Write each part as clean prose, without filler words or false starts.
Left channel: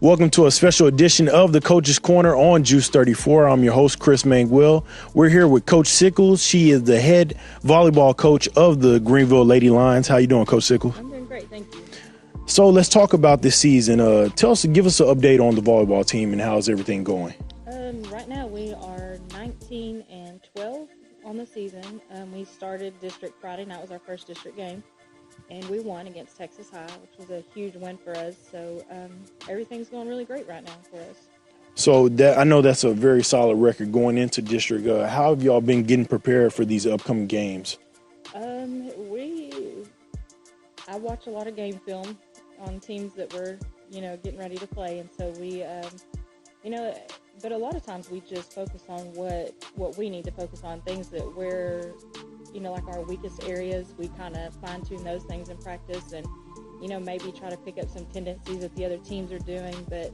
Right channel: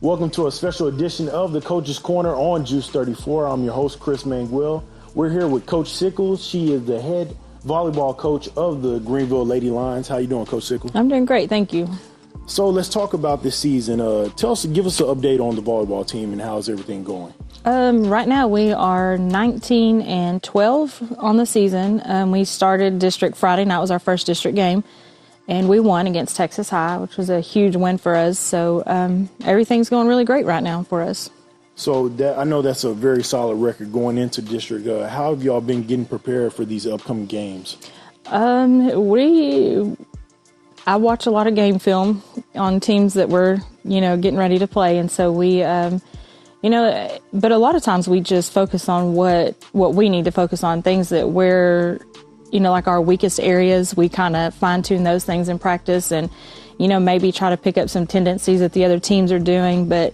Welcome to a special edition of the Coach's Corner on Juice 34. I'm your host, Chris Manguil. We're here with Coach Sickles. She is the head volleyball coach of the Greenville Lady Lions. How you doing, Coach Sickles? I'm doing great, thank you. So let's talk about this season. Give us an update on the volleyball team and how's everything going? Right now we are 19-12 on the season. We started district Friday night, was our first district game, and we won against Texas High, which was a huge win for us. So everything's going really great right now for us. So I know that's a very solid record going into district. How have y'all been getting prepared for these upcoming games? I watch a lot of game film on teams that we're, getting ready to play, and so we, but a lot of times we just focus on what we need to focus on, things that we're, like our weakest areas. We kind of fine-tune those things in practice and, maybe try to pick up some tendencies that the other teams are doing. But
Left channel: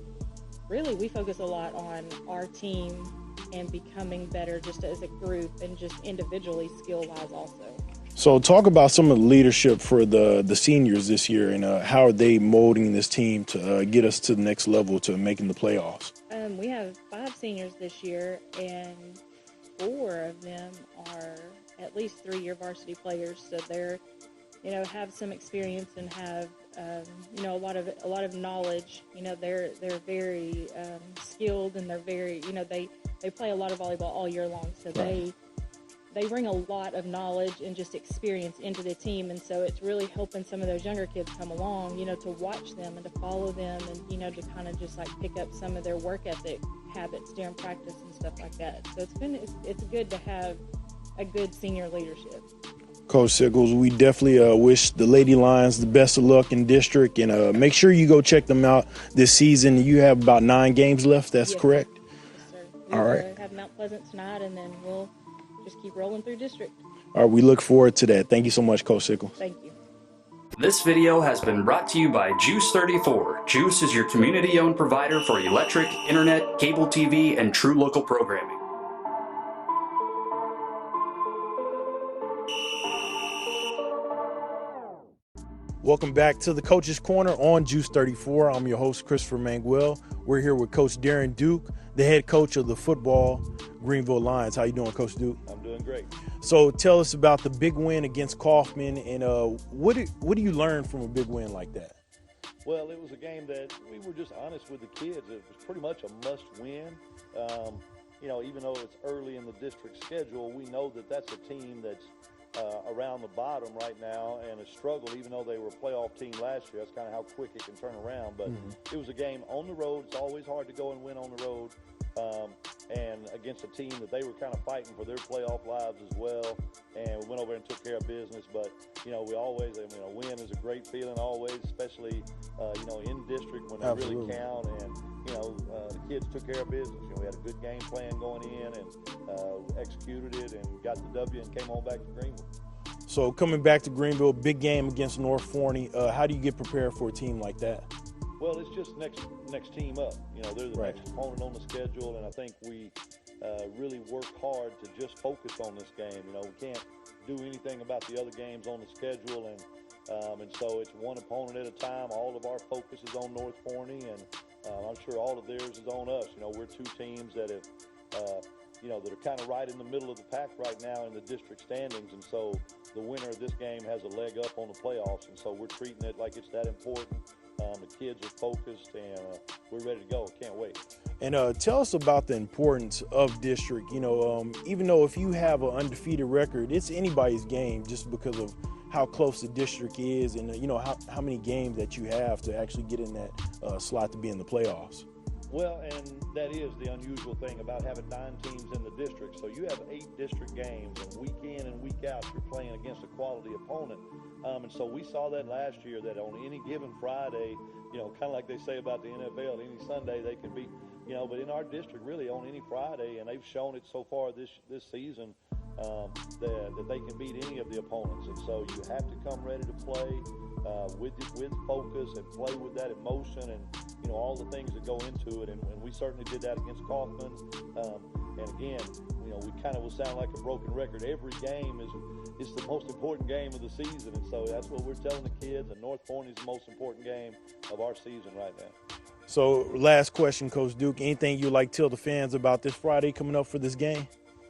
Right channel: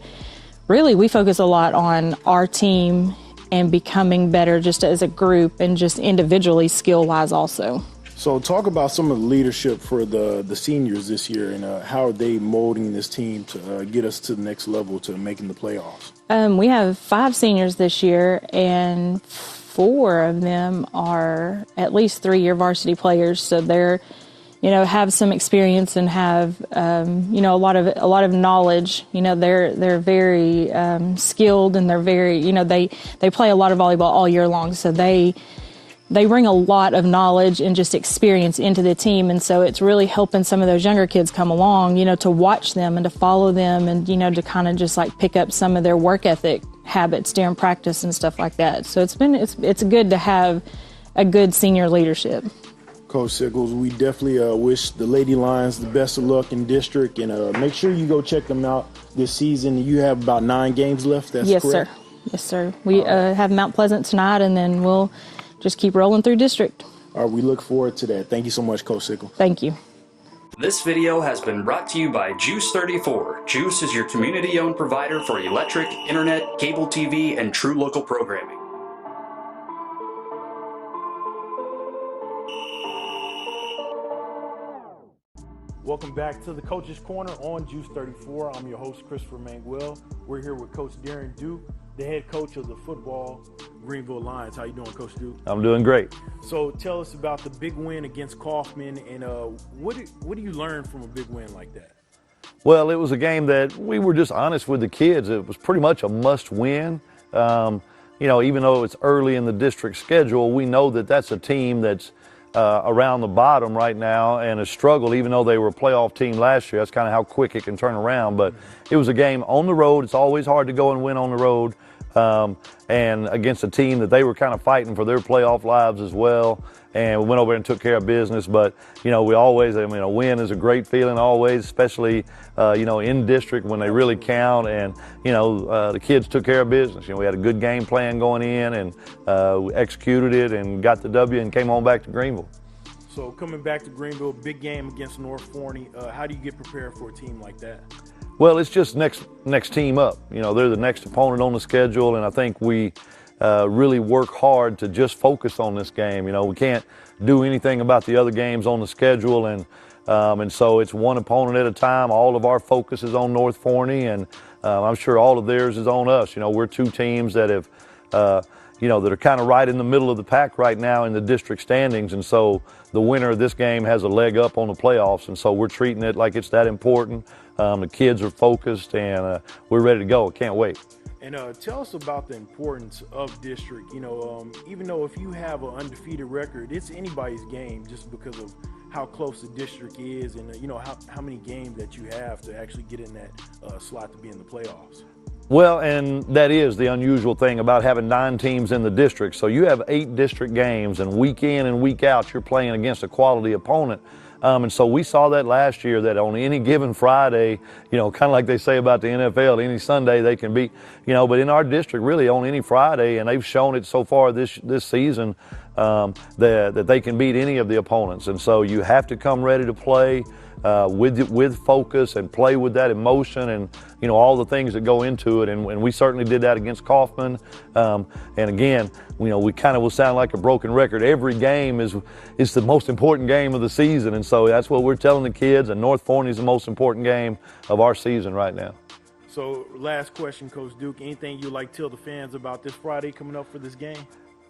really, we focus a lot on our team and becoming better just as a group and just individually skill-wise also. So talk about some of the leadership for the seniors this year and how are they molding this team to get us to the next level to making the playoffs? We have 5 seniors this year, and 4 of them are at least 3-year varsity players. So they're, have some experience and have, a lot of knowledge. They're very skilled, and they're very, they play a lot of volleyball all year long. So they bring a lot of knowledge and just experience into the team, and so it's really helping some of those younger kids come along, to watch them and to follow them and, to kind of just like pick up some of their work ethic habits during practice and stuff like that. So it's good to have a good senior leadership. Coach Sickles, we definitely wish the Lady Lions the best of luck in district, and make sure you go check them out this season. You have about 9 games left, that's yes, correct? Yes, sir. We have Mount Pleasant tonight, and then we'll just keep rolling through district. All right, we look forward to that. Thank you so much, Coach Sickles. Thank you. This video has been brought to you by Juice 34. Juice is your community-owned provider for electric, internet, cable TV, and true local programming. Welcome back to the Coach's Corner on Juice 34. I'm your host, Christopher Manguil. We're here with Coach Darren Duke, the head coach of the football Greenville Lions. How you doing, Coach Duke? I'm doing great. So tell us about the big win against Kaufman, and what do you learn from a big win like that? Well, it was a game that we were just honest with the kids. It was pretty much a must win. Even though it's early in the district schedule, we know that that's a team that's around the bottom right now and has struggled, even though they were a playoff team last year. That's kind of how quick it can turn around. But it was a game on the road. It's always hard to go and win on the road. And against a team that they were kind of fighting for their playoff lives as well. And we went over and took care of business. But, we always, a win is a great feeling always, especially, in district when they really count. And, the kids took care of business. We had a good game plan going in, and we executed it and got the W and came on back to Greenville. So coming back to Greenville, big game against North Forney. How do you get prepared for a team like that? Well, it's just next team up. They're the next opponent on the schedule, and I think we really work hard to just focus on this game. We can't do anything about the other games on the schedule, and so it's one opponent at a time. All of our focus is on North Forney, and I'm sure all of theirs is on us. We're 2 teams that have, that are kind of right in the middle of the pack right now in the district standings, and so the winner of this game has a leg up on the playoffs, and so we're treating it like it's that important. The kids are focused, and we're ready to go. Can't wait. And tell us about the importance of district. Even though if you have an undefeated record, it's anybody's game just because of how close the district is and, how many games that you have to actually get in that slot to be in the playoffs. Well, and that is the unusual thing about having 9 teams in the district. So you have 8 district games, and week in and week out, you're playing against a quality opponent. And so we saw that last year, that on any given Friday, kind of like they say about the NFL, any Sunday they can beat, but in our district, really on any Friday, and they've shown it so far this season, that they can beat any of the opponents. And so you have to come ready to play with focus and play with that emotion and, all the things that go into it. And we certainly did that against Kaufman. And again, we kind of will sound like a broken record. Every game is the most important game of the season. And so that's what we're telling the kids. And North Forney is the most important game of our season right now. So last question, Coach Duke, anything you'd like to tell the fans about this Friday coming up for this game?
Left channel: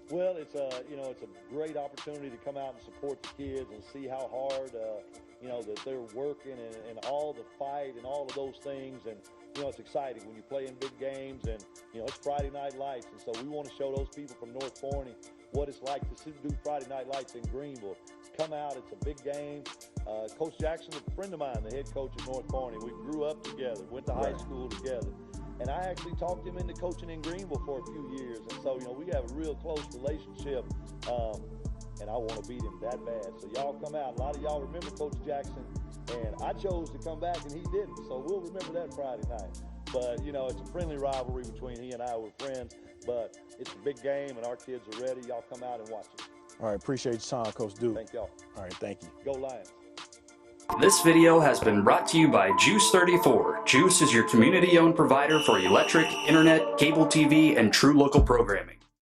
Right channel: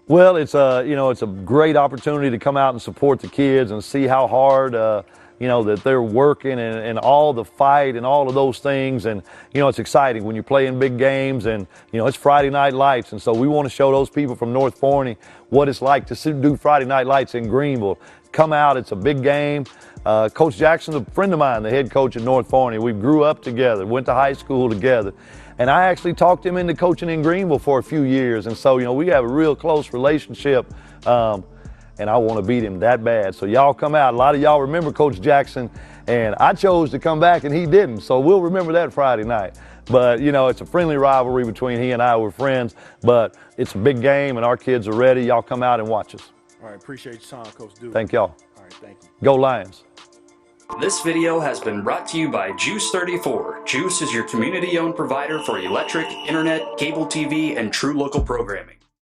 Well, it's a great opportunity to come out and support the kids and see how hard that they're working and all the fight and all of those things. And it's exciting when you're playing big games, and it's Friday Night Lights, and so we want to show those people from North Forney what it's like to do Friday Night Lights in Greenville. Come out, it's a big game. Coach Jackson's a friend of mine, the head coach at North Forney. We grew up together, went to high school together. And I actually talked him into coaching in Greenville for a few years. And so, we have a real close relationship. And I want to beat him that bad. So y'all come out. A lot of y'all remember Coach Jackson. And I chose to come back and he didn't. So we'll remember that Friday night. But, it's a friendly rivalry between he and I. We're friends. But it's a big game and our kids are ready. Y'all come out and watch us. All right. Appreciate your time, Coach Duke. Thank y'all. All right. Thank you. Go Lions. This video has been brought to you by Juice 34. Juice is your community-owned provider for electric, internet, cable TV, and true local programming.